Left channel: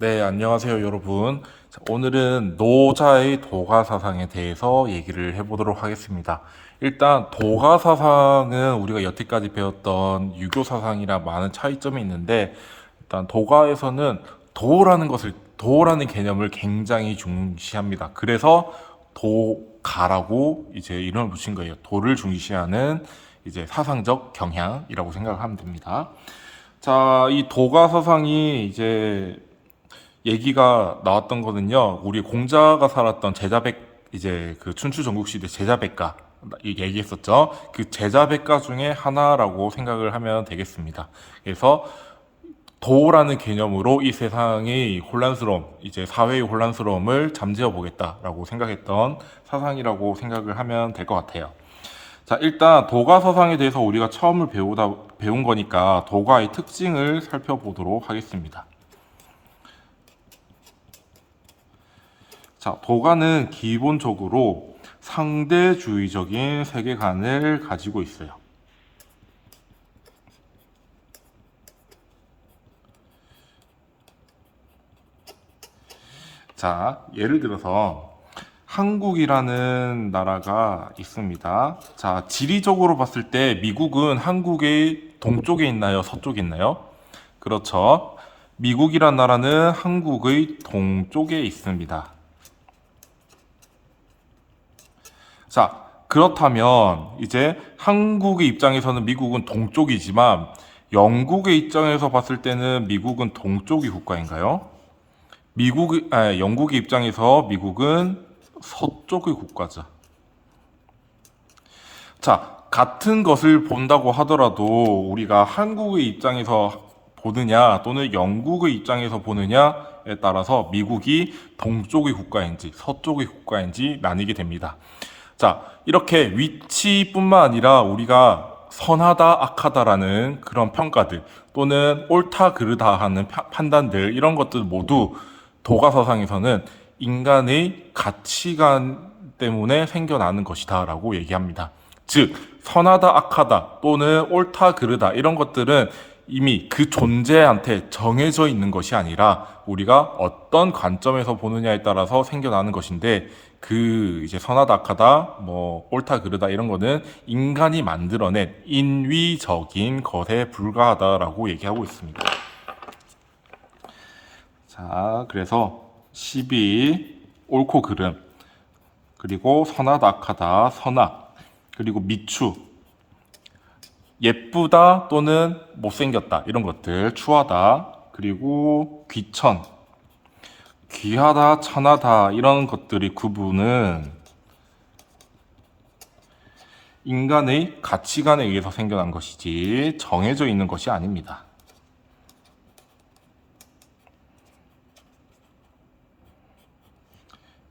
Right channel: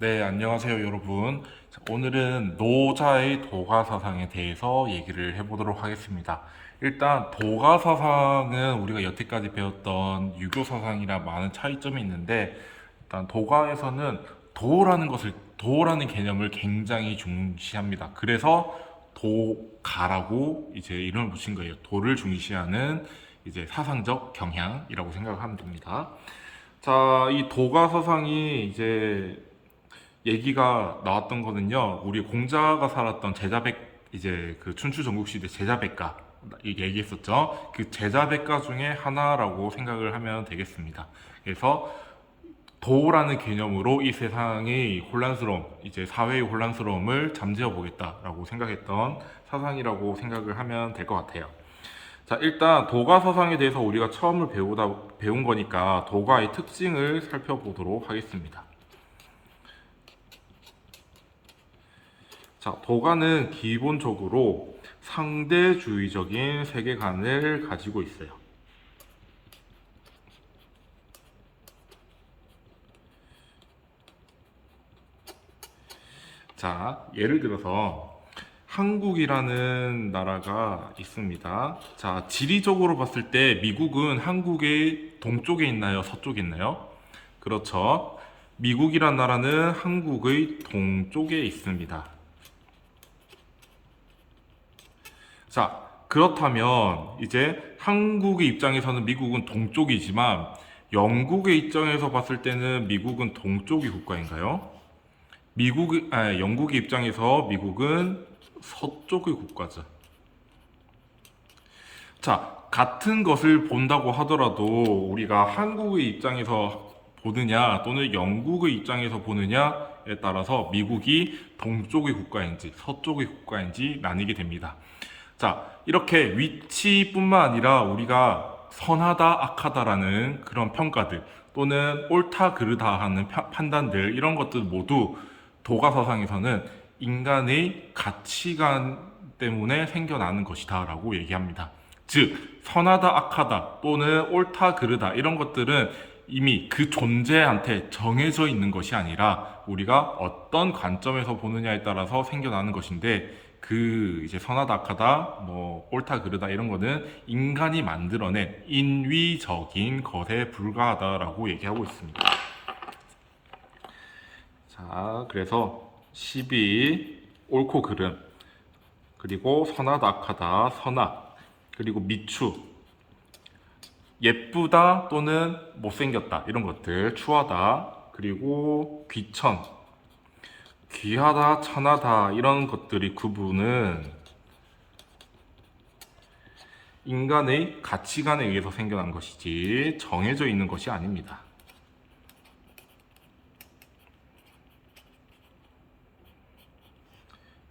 네, 안녕하세요, 여러분. 자, 오늘은 노자의 도가 사상에 대해서 얘기를 해보도록 하겠습니다. 일단 도가 사상은 우리가 여태까지 배웠던 유교 사상이랑 많은 차이점이 있는데, 일단 도가에서는 도라는 개념을 굉장히 중시합니다. 그래서 도가라고 이제 이름을 붙인 거예요. 도를 중시하는 이제 사상적 경향이라고 생각을 하면 됩니다. 자, 이 도가 사상이 이제 얘기가 나왔던 거는요. 우리 공자가 살았던 제자백 이제 그 춘추 전국시대 제자백가 얘기했었죠. 그 제자백가 중에 하나라고 생각을 하면 되겠습니다. 그래서 도라는 개념으로 이 세상의 혼란스러움, 이제 사회의 혼란스러움을 잠재워 보겠다라고 생각했던 사상이라고 생각을 하면 될 것 같아요. 자, 일단 도가 사상에 대해서 우리가 처음을 배운 거니까 도가의 특징을 살펴보도록 하겠습니다. 자, 도가는 기본적으로 상대주의적인 세계관을 가지고 있어요. 자, 예를 들어서 한국이라는 나라가 있습니다. 자, 지리적으로 봤을 때 미국은 한국의 동쪽에 있나요? 서쪽에 있나요? 그렇죠. 미국이란 나라는 한국의 동쪽에 있습니다. 자, 그렇다면 이제 한국의 입장에서는 미국은 동쪽이지만 영국의 입장에서 봤을 때는 미국은 동쪽이 국가인가요? 영국의 입장에서 미국은 서쪽의 국가죠. 자, 같은 것을 본다고 하더라도 우리가 한국의 입장에서 보느냐 또는 영국의 입장에서 보느냐에 따라서 미국이 동쪽의 국가인지 서쪽의 국가인지 나뉘게 됩니다. 자, 이렇게 위치뿐만 아니라 우리가 선하다, 악하다라는 그런 평가들 또는 옳다, 그르다 하는 판단들 이런 것들 모두 도가서상에서는 인간의 가치관 때문에 생겨나는 것이다라고 얘기합니다. 즉, 선하다, 악하다 또는 옳다, 그르다 이런 것들은 이미 그 존재한테 정해져 있는 것이 아니라 우리가 어떤 관점에서 보느냐에 따라서 생겨나는 것인데 그 이제 선하다 악하다 뭐 옳다 그르다 이런 거는 인간이 만들어낸 인위적인 것에 불과하다라고 얘기하고 있습니다. 자, 그래서 시비 옳고 그름 그리고 선하다 악하다 선악 그리고 미추 예쁘다 또는 못생겼다 이런 것들 추하다 그리고 귀천 귀하다 천하다 이런 것들이 구분은 인간의 가치관에 의해서 생겨난 것이지 정해져 있는 것이 아닙니다.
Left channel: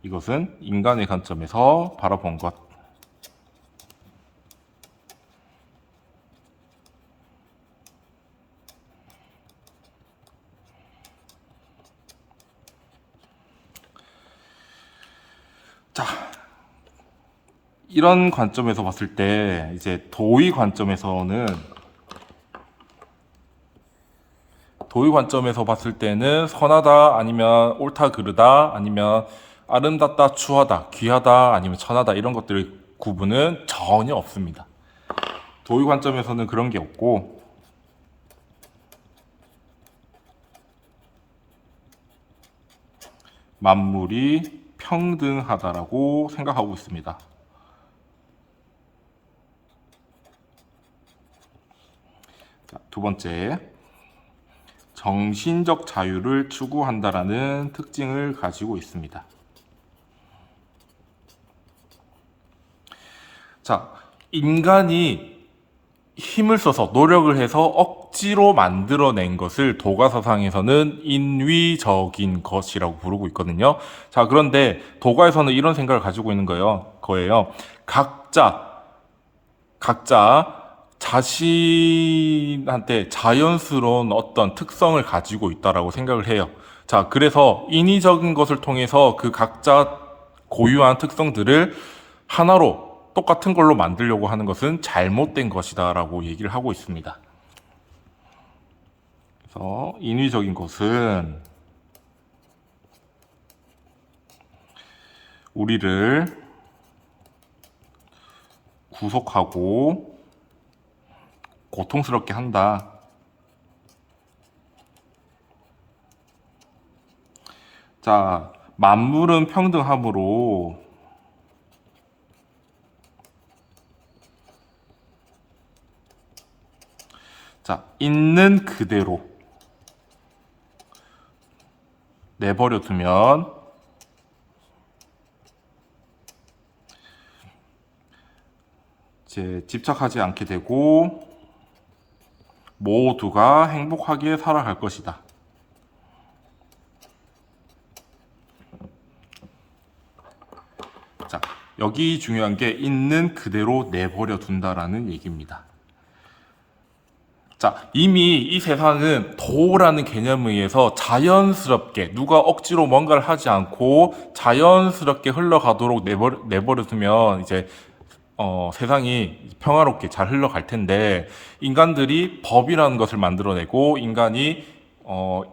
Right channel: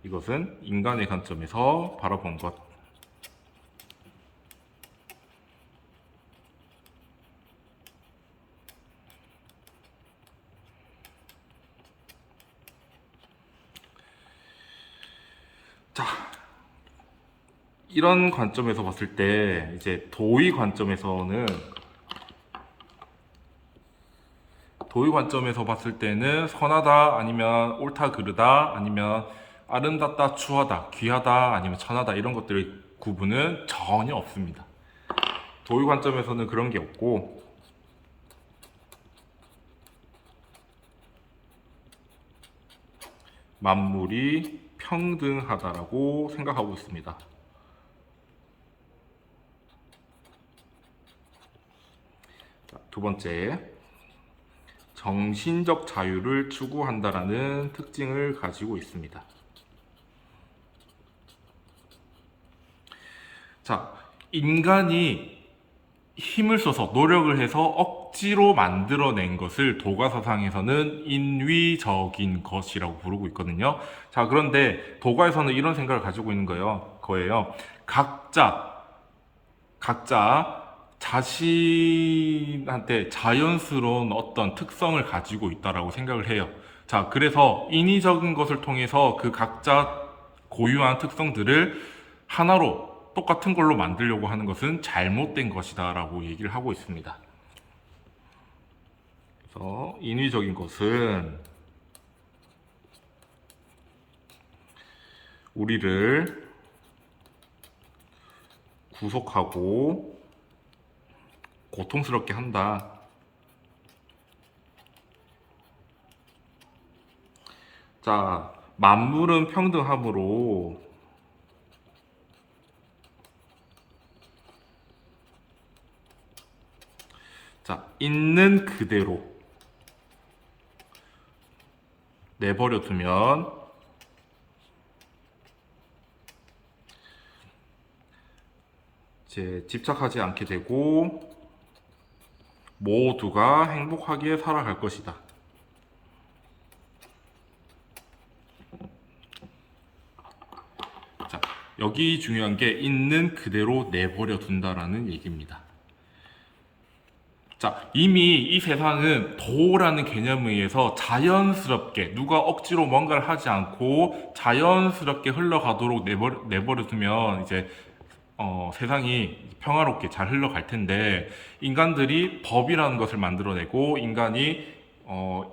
이것은 인간의 관점에서 바라본 것. 자, 이런 관점에서 봤을 때 이제 도의 관점에서 봤을 때는 선하다 아니면 옳다 그르다 아니면 아름답다 추하다 귀하다 아니면 천하다 이런 것들의 구분은 전혀 없습니다. 도의 관점에서는 그런 게 없고 만물이 평등하다라고 생각하고 있습니다. 자, 두 번째, 정신적 자유를 추구한다라는 특징을 가지고 있습니다. 자, 인간이 힘을 써서 노력을 해서 억지로 만들어낸 것을 도가사상에서는 인위적인 것이라고 부르고 있거든요. 자, 그런데 도가에서는 이런 생각을 가지고 있는 거예요. 각자 자신한테 자연스러운 어떤 특성을 가지고 있다라고 생각을 해요. 자, 그래서 인위적인 것을 통해서 그 각자 고유한 특성들을 하나로 똑같은 걸로 만들려고 하는 것은 잘못된 것이다라고 얘기를 하고 있습니다. 그래서 인위적인 것은 우리를 구속하고 고통스럽게 한다. 자, 만물은 평등하므로 자, 있는 그대로 내버려 두면 이제 집착하지 않게 되고 모두가 행복하게 살아갈 것이다. 자, 여기 중요한 게 있는 그대로 내버려 둔다라는 얘기입니다. 자, 이미 이 세상은 도라는 개념에 의해서 자연스럽게 누가 억지로 뭔가를 하지 않고 자연스럽게 흘러가도록 내버려 두면 이제 세상이 평화롭게 잘 흘러갈 텐데 인간들이 법이라는 것을 만들어내고 인간이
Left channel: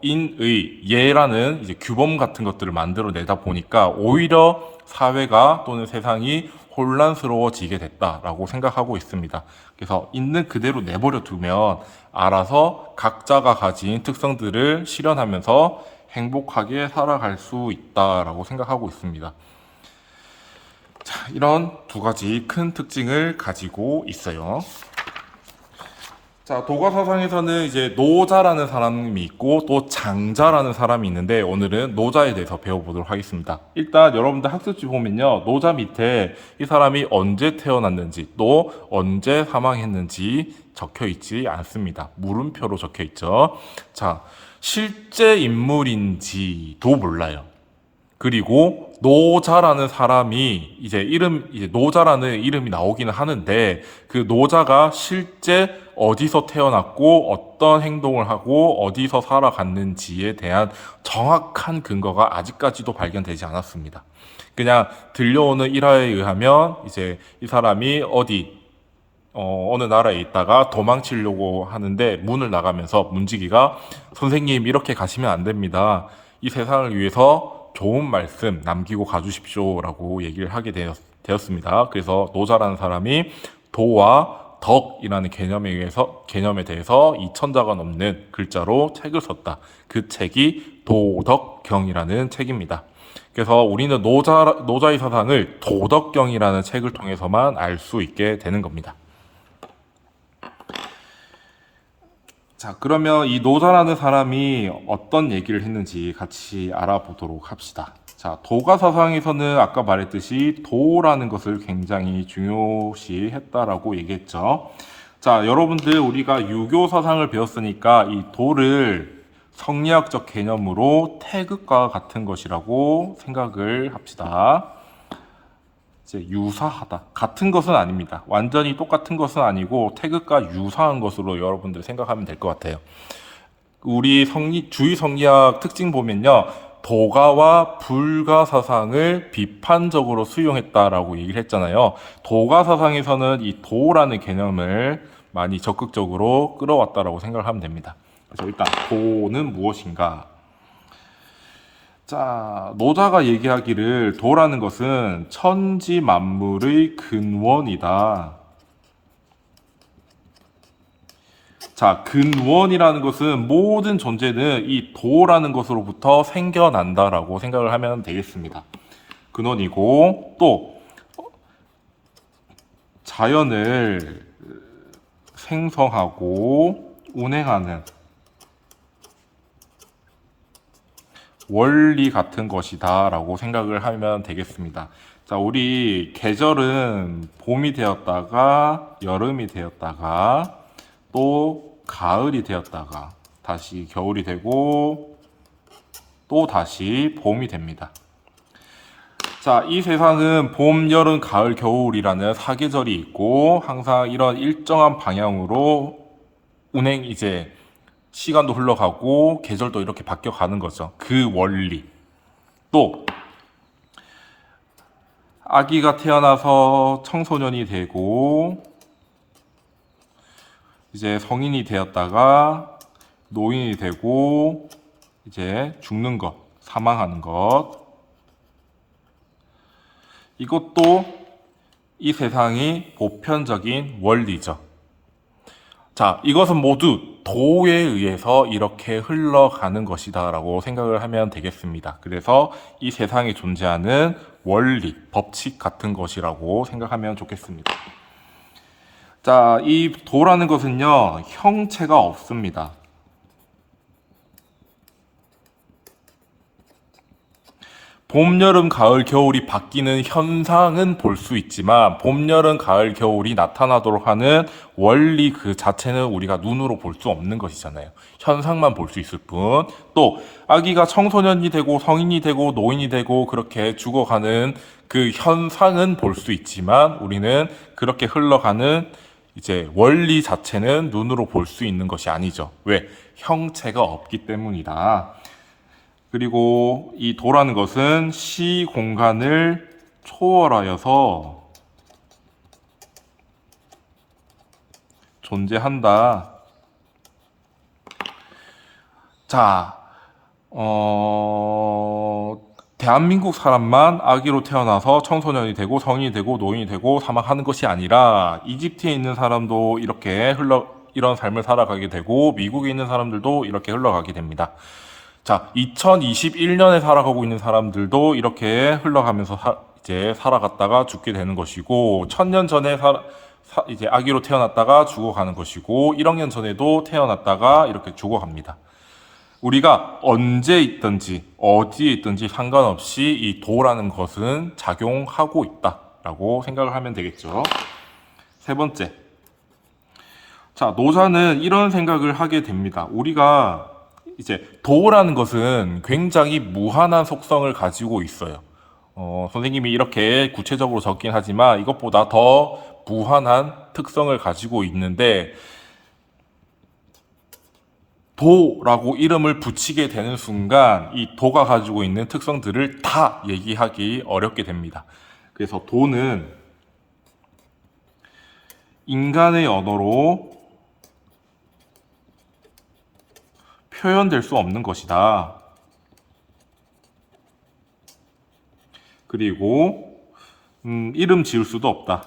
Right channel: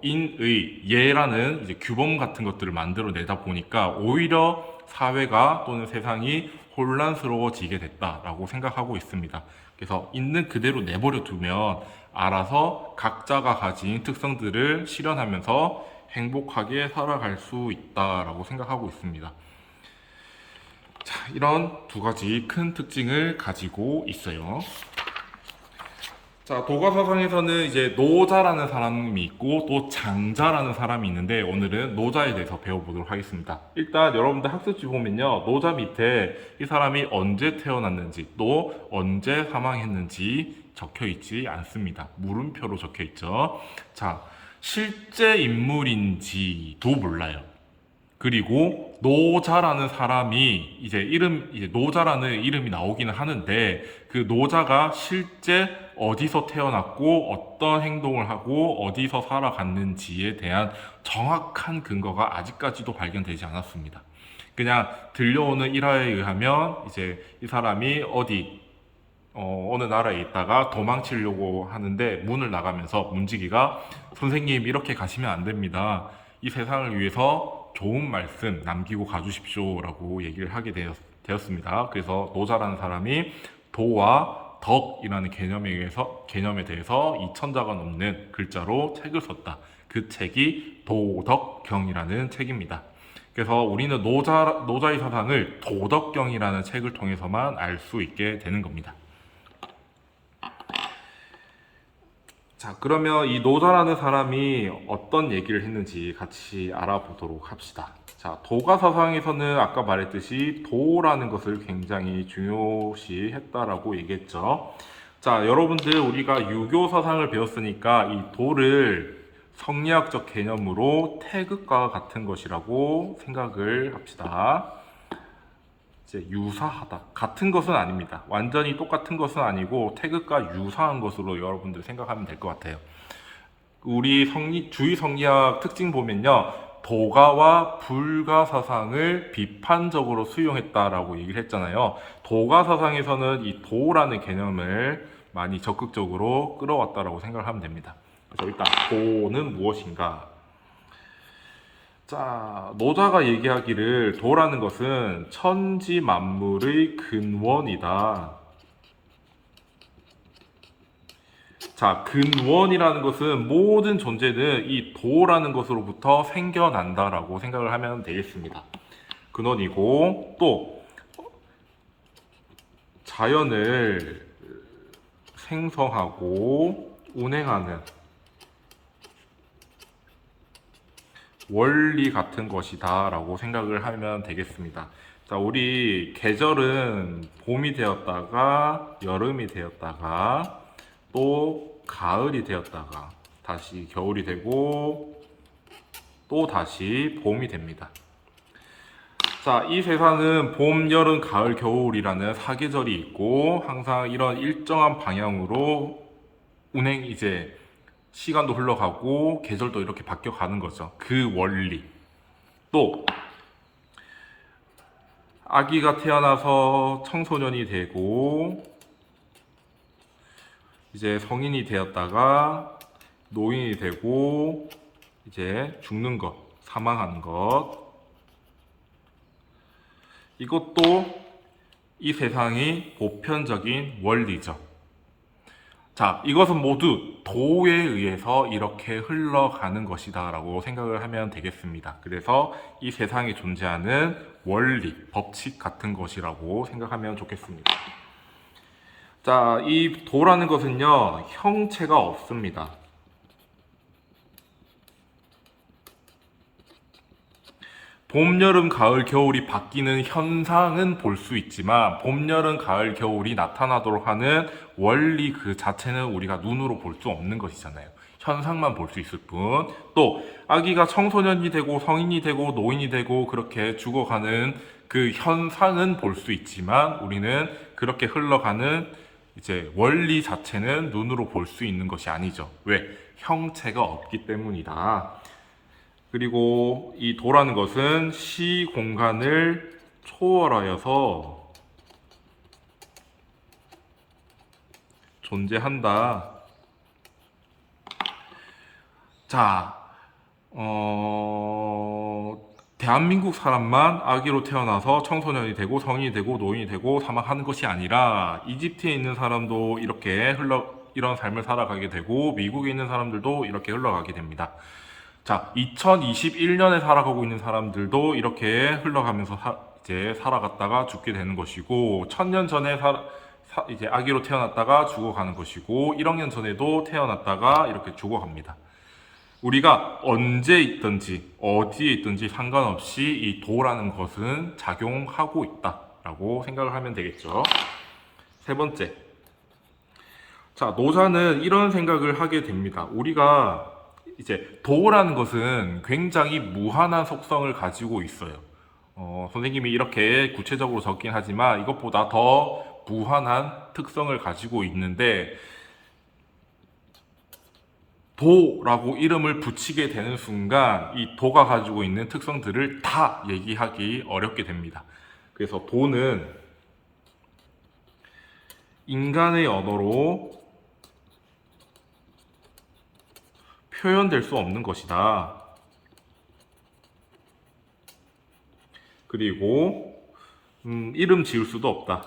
인의, 예라는 이제 규범 같은 것들을 만들어내다 보니까 오히려 사회가 또는 세상이 혼란스러워지게 됐다라고 생각하고 있습니다. 그래서 있는 그대로 내버려 두면 알아서 각자가 가진 특성들을 실현하면서 행복하게 살아갈 수 있다라고 생각하고 있습니다. 자, 이런 두 가지 큰 특징을 가지고 있어요. 자, 도가사상에서는 이제 노자라는 사람이 있고 또 장자라는 사람이 있는데 오늘은 노자에 대해서 배워보도록 하겠습니다. 일단 여러분들 학습지 보면요. 노자 밑에 이 사람이 언제 태어났는지 또 언제 사망했는지 적혀 있지 않습니다. 물음표로 적혀 있죠. 자, 실제 인물인지도 몰라요. 그리고 노자라는 사람이 이제 노자라는 이름이 나오기는 하는데 그 노자가 실제 어디서 태어났고 어떤 행동을 하고 어디서 살아갔는지에 대한 정확한 근거가 아직까지도 발견되지 않았습니다. 그냥 들려오는 일화에 의하면 이제 이 사람이 어느 나라에 있다가 도망치려고 하는데 문을 나가면서 문지기가 선생님 이렇게 가시면 안 됩니다. 이 세상을 위해서 좋은 말씀 남기고 가주십시오 라고 얘기를 하게 되었습니다. 그래서 노자라는 사람이 도와 덕이라는 개념에 대해서 2000자가 넘는 글자로 책을 썼다. 그 책이 도덕경이라는 책입니다. 그래서 우리는 노자의 사상을 도덕경이라는 책을 통해서만 알 수 있게 되는 겁니다. 자, 그러면 이 노자라는 사람이 어떤 얘기를 했는지 같이 알아보도록 합시다. 자, 도가 사상에서는 아까 말했듯이 도라는 것을 굉장히 중요시했다라고 얘기했죠. 자, 여러분들 우리가 유교 사상을 배웠으니까 이 도를 성리학적 개념으로 태극과 같은 것이라고 생각을 합시다. 이제 유사하다. 같은 것은 아닙니다. 완전히 똑같은 것은 아니고 태극과 유사한 것으로 여러분들 생각하면 될 것 같아요. 우리 주의 성리학 특징 보면요. 도가와 불가 사상을 비판적으로 수용했다라고 얘기를 했잖아요. 도가 사상에서는 이 도라는 개념을 많이 적극적으로 끌어왔다라고 생각을 하면 됩니다. 그래서 일단 도는 무엇인가? 자, 노자가 얘기하기를 도라는 것은 천지 만물의 근원이다. 자, 근원이라는 것은 모든 존재는 이 도라는 것으로부터 생겨난다라고 생각을 하면 되겠습니다. 근원이고 또 자연을 생성하고 운행하는 원리 같은 것이다 라고 생각을 하면 되겠습니다. 자, 우리 계절은 봄이 되었다가 여름이 되었다가 또 가을이 되었다가 다시 겨울이 되고 또 다시 봄이 됩니다. 자, 이 세상은 봄, 여름, 가을, 겨울이라는 사계절이 있고 항상 이런 일정한 방향으로 시간도 흘러가고 계절도 이렇게 바뀌어가는 거죠. 그 원리. 또 아기가 태어나서 청소년이 되고 이제 성인이 되었다가 노인이 되고 이제 죽는 것, 사망하는 것. 이것도 이 세상이 보편적인 원리죠. 자, 이것은 모두 도에 의해서 이렇게 흘러가는 것이다 라고 생각을 하면 되겠습니다. 그래서 이 세상에 존재하는 원리, 법칙 같은 것이라고 생각하면 좋겠습니다. 자, 이 도라는 것은요, 형체가 없습니다. 봄, 여름, 가을, 겨울이 바뀌는 현상은 볼 수 있지만 봄, 여름, 가을, 겨울이 나타나도록 하는 원리 그 자체는 우리가 눈으로 볼 수 없는 것이잖아요. 현상만 볼 수 있을 뿐. 또 아기가 청소년이 되고 성인이 되고 노인이 되고 그렇게 죽어가는 그 현상은 볼 수 있지만 우리는 그렇게 흘러가는 이제 원리 자체는 눈으로 볼 수 있는 것이 아니죠. 왜? 형체가 없기 때문이다. 그리고 이 도라는 것은 시 공간을 초월하여서 존재한다. 자, 대한민국 사람만 아기로 태어나서 청소년이 되고 성인이 되고 노인이 되고 사망하는 것이 아니라 이집트에 있는 사람도 이렇게 이런 삶을 살아가게 되고 미국에 있는 사람들도 이렇게 흘러가게 됩니다. 자, 2021년에 살아가고 있는 사람들도 이렇게 흘러가면서 이제 살아갔다가 죽게 되는 것이고, 1000년 전에 이제 아기로 태어났다가 죽어가는 것이고, 1억 년 전에도 태어났다가 이렇게 죽어갑니다. 우리가 언제 있든지, 어디에 있든지 상관없이 이 도라는 것은 작용하고 있다라고 생각을 하면 되겠죠. 세 번째. 자, 노자는 이런 생각을 하게 됩니다. 우리가 이제 도라는 것은 굉장히 무한한 속성을 가지고 있어요. 선생님이 이렇게 구체적으로 적긴 하지만 이것보다 더 무한한 특성을 가지고 있는데 도라고 이름을 붙이게 되는 순간 이 도가 가지고 있는 특성들을 다 얘기하기 어렵게 됩니다. 그래서 도는 인간의 언어로 표현될 수 없는 것이다. 그리고 이름 지을 수도 없다.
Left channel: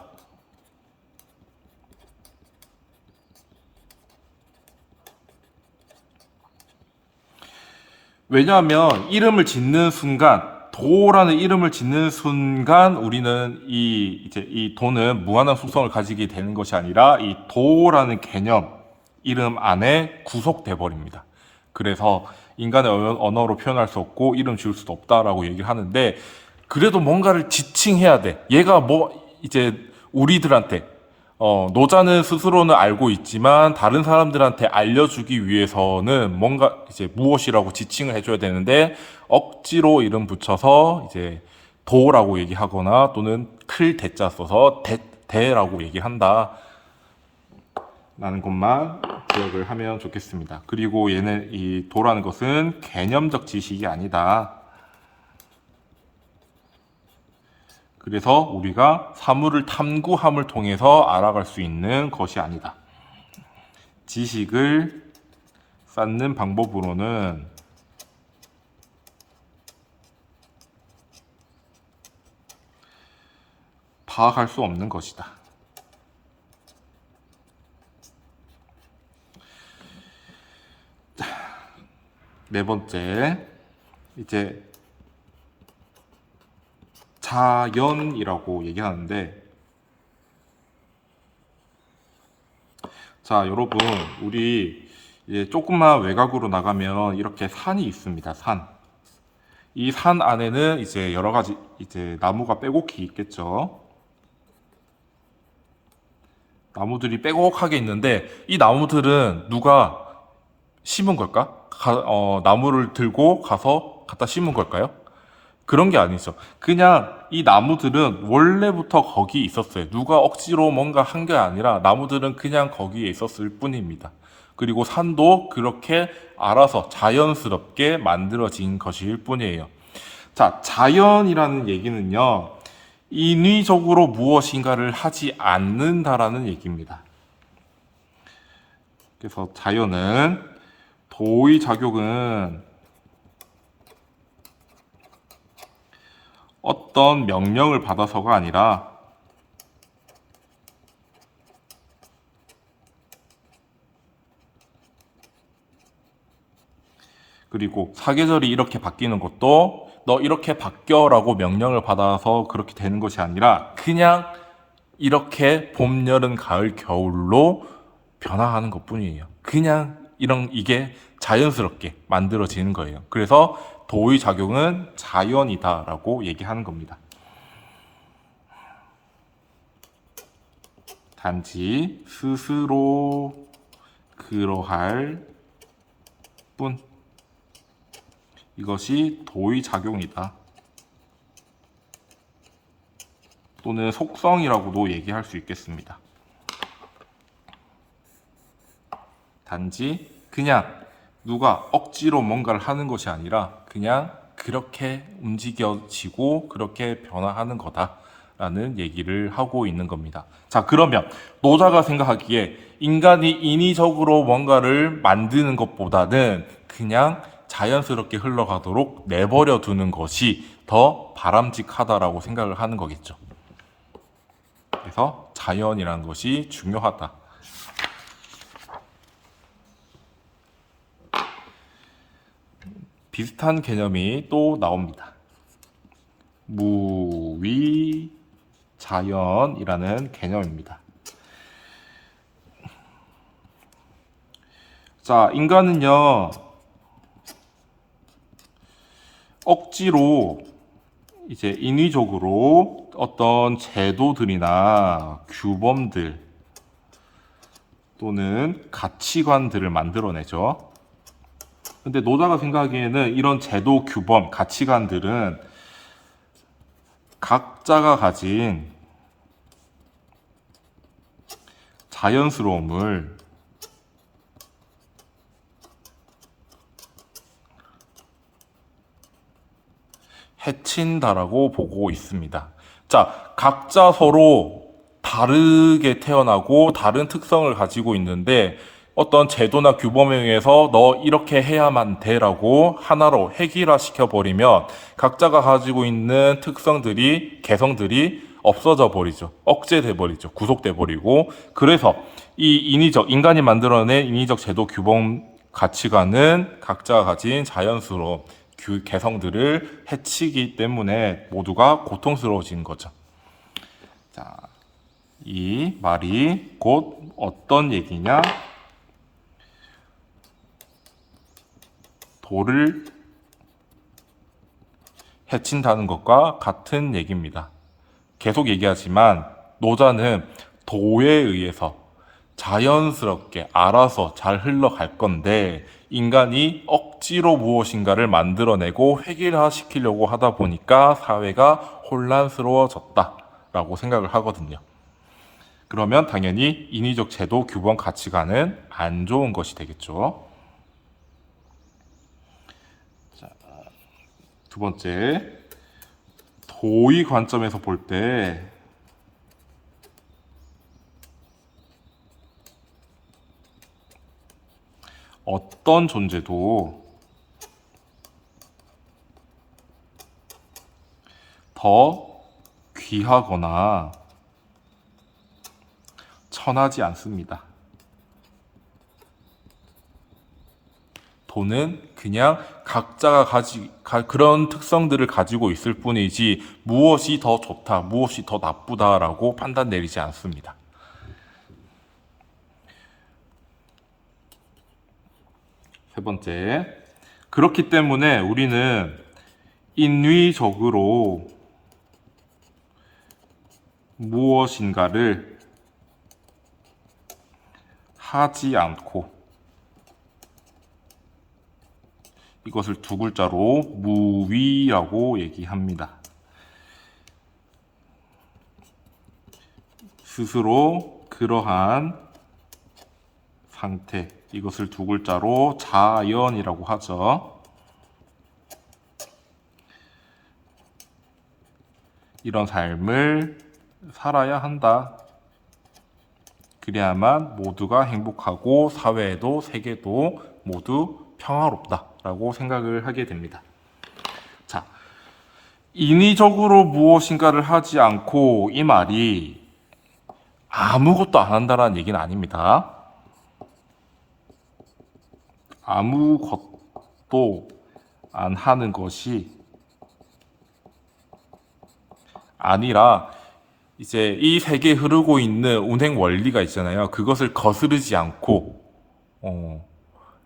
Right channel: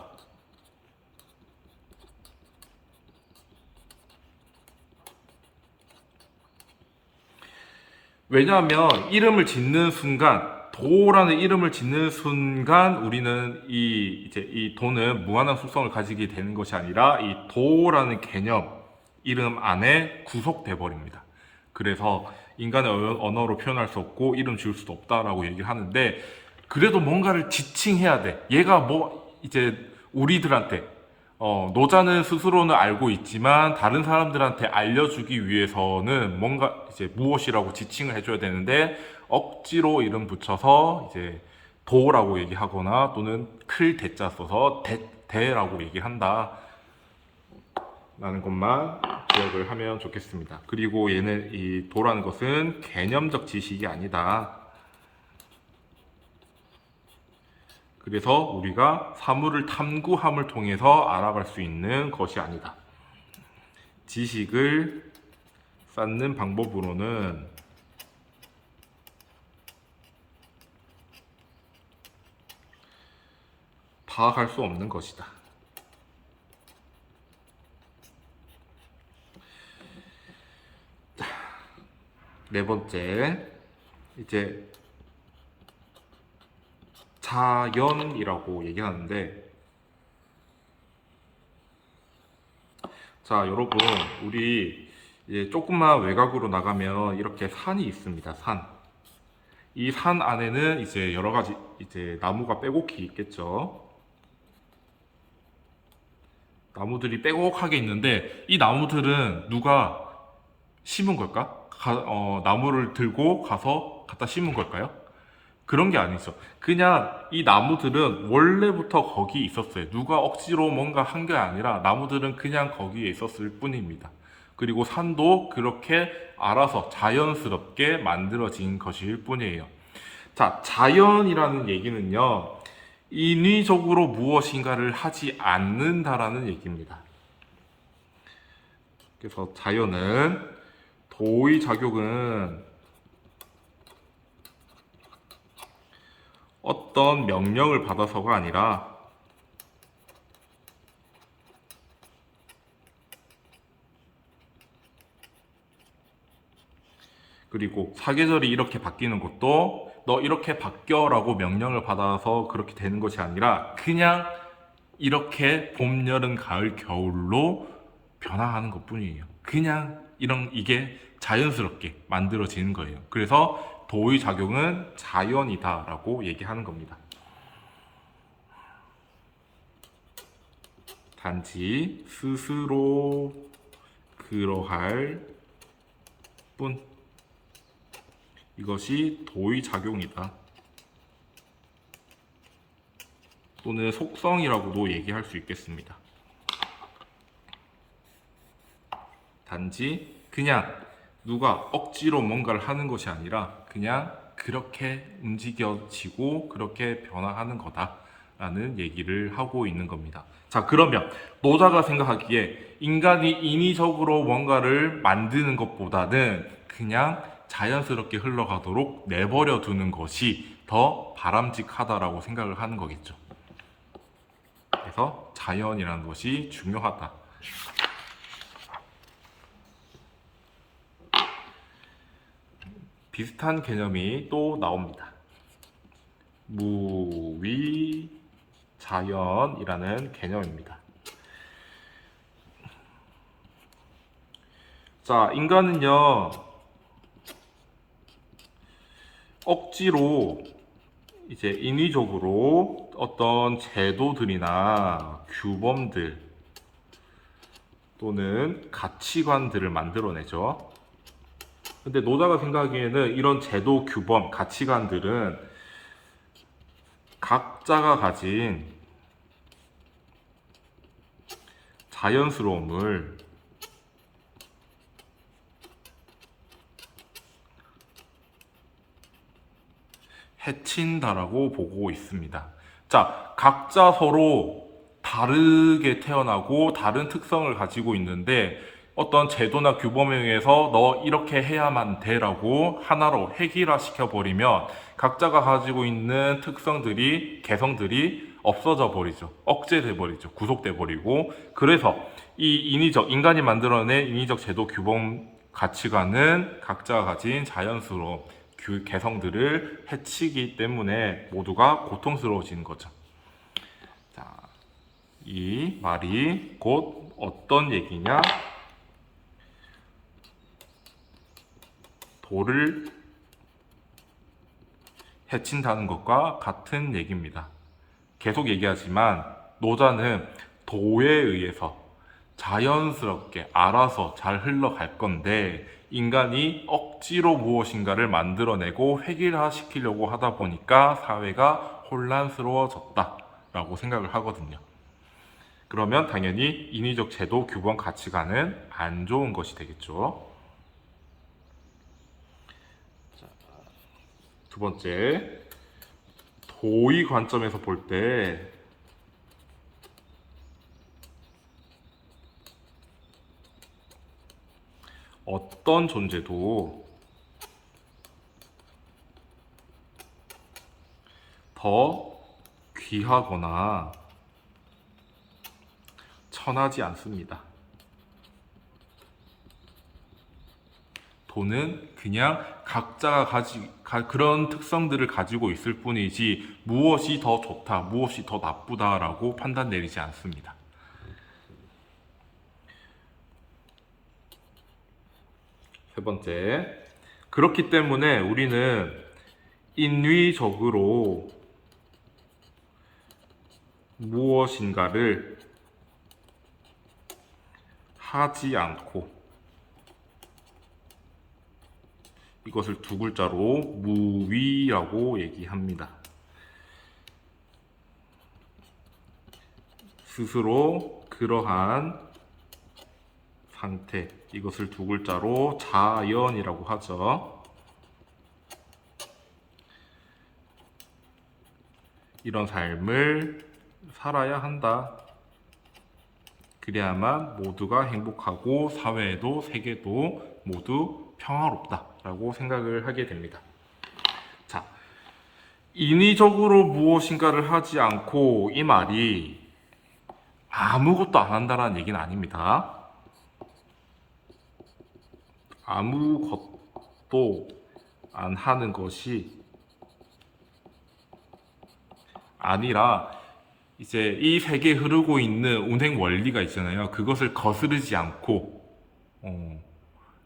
왜냐하면 이름을 짓는 순간, 도라는 이름을 짓는 순간 우리는 이제 이 도는 무한한 속성을 가지게 되는 것이 아니라 이 도라는 개념, 이름 안에 구속돼 버립니다. 그래서 인간의 언어로 표현할 수 없고 이름 지을 수도 없다라고 얘기를 하는데 그래도 뭔가를 지칭해야 돼. 얘가 뭐 이제 우리들한테 노자는 스스로는 알고 있지만 다른 사람들한테 알려주기 위해서는 뭔가 이제 무엇이라고 지칭을 해줘야 되는데 억지로 이름 붙여서 이제 도라고 얘기하거나 또는 클 대자 써서 대라고 얘기한다. 라는 것만 기억을 하면 좋겠습니다. 그리고 얘는 이 도라는 것은 개념적 지식이 아니다. 그래서 우리가 사물을 탐구함을 통해서 알아갈 수 있는 것이 아니다. 지식을 쌓는 방법으로는 파악할 수 없는 것이다. 네 번째, 이제 자연이라고 얘기하는데, 자, 여러분, 우리 이제 조금만 외곽으로 나가면 이렇게 산이 있습니다. 산. 이 산 안에는 이제 여러 가지 이제 나무가 빼곡히 있겠죠. 나무들이 빼곡하게 있는데 이 나무들은 누가 심은 걸까? 나무를 들고 가서 갖다 심은 걸까요? 그런 게 아니죠. 그냥 이 나무들은 원래부터 거기 있었어요. 누가 억지로 뭔가 한 게 아니라 나무들은 그냥 거기에 있었을 뿐입니다. 그리고 산도 그렇게 알아서 자연스럽게 만들어진 것일 뿐이에요. 자, 자연이라는 얘기는요, 인위적으로 무엇인가를 하지 않는다라는 얘기입니다. 그래서 자연은 도의 작용은 어떤 명령을 받아서가 아니라 그리고 사계절이 이렇게 바뀌는 것도 너 이렇게 바뀌어라고 명령을 받아서 그렇게 되는 것이 아니라 그냥 이렇게 봄, 여름, 가을, 겨울로 변화하는 것뿐이에요. 그냥 이게 자연스럽게 만들어지는 거예요. 그래서 도의 작용은 자연이다라고 얘기하는 겁니다. 단지 스스로 그러할 뿐. 이것이 도의 작용이다. 또는 속성이라고도 얘기할 수 있겠습니다. 단지 그냥 누가 억지로 뭔가를 하는 것이 아니라 그냥 그렇게 움직여지고 그렇게 변화하는 거다라는 얘기를 하고 있는 겁니다. 자, 그러면 노자가 생각하기에 인간이 인위적으로 뭔가를 만드는 것보다는 그냥 자연스럽게 흘러가도록 내버려 두는 것이 더 바람직하다라고 생각을 하는 거겠죠. 그래서 자연이라는 것이 중요하다. 비슷한 개념이 또 나옵니다. 무위자연이라는 개념입니다. 자, 인간은요, 억지로 이제 인위적으로 어떤 제도들이나 규범들 또는 가치관들을 만들어내죠. 근데 노자가 생각하기에는 이런 제도, 규범, 가치관들은 각자가 가진 자연스러움을 해친다라고 보고 있습니다. 자, 각자 서로 다르게 태어나고 다른 특성을 가지고 있는데 어떤 제도나 규범에 의해서 너 이렇게 해야만 돼라고 하나로 획일화 시켜버리면 각자가 가지고 있는 특성들이, 개성들이 없어져 버리죠. 억제돼 버리죠. 구속돼 버리고. 그래서 이 인간이 만들어낸 인위적 제도, 규범, 가치관은 각자가 가진 자연스러운 개성들을 해치기 때문에 모두가 고통스러워지는 거죠. 자, 이 말이 곧 어떤 얘기냐? 도를 해친다는 것과 같은 얘기입니다. 계속 얘기하지만 노자는 도에 의해서 자연스럽게 알아서 잘 흘러갈 건데 인간이 억지로 무엇인가를 만들어내고 획일화시키려고 하다 보니까 사회가 혼란스러워졌다라고 생각을 하거든요. 그러면 당연히 인위적 제도, 규범, 가치관은 안 좋은 것이 되겠죠. 자, 두 번째, 도의 관점에서 볼 때 어떤 존재도 더 귀하거나 천하지 않습니다. 도는 그냥 각자가 그런 특성들을 가지고 있을 뿐이지 무엇이 더 좋다, 무엇이 더 나쁘다라고 판단 내리지 않습니다. 세 번째, 그렇기 때문에 우리는 인위적으로 무엇인가를 하지 않고 이것을 두 글자로 무위라고 얘기합니다. 스스로 그러한 상태, 이것을 두 글자로 자연이라고 하죠. 이런 삶을 살아야 한다. 그래야만 모두가 행복하고 사회도 세계도 모두 평화롭다라고 생각을 하게 됩니다. 자, 인위적으로 무엇인가를 하지 않고 이 말이 아무것도 안 한다라는 얘기는 아닙니다. 아무것도 안 하는 것이 아니라 이제 이 세계에 흐르고 있는 운행 원리가 있잖아요. 그것을 거스르지 않고 어,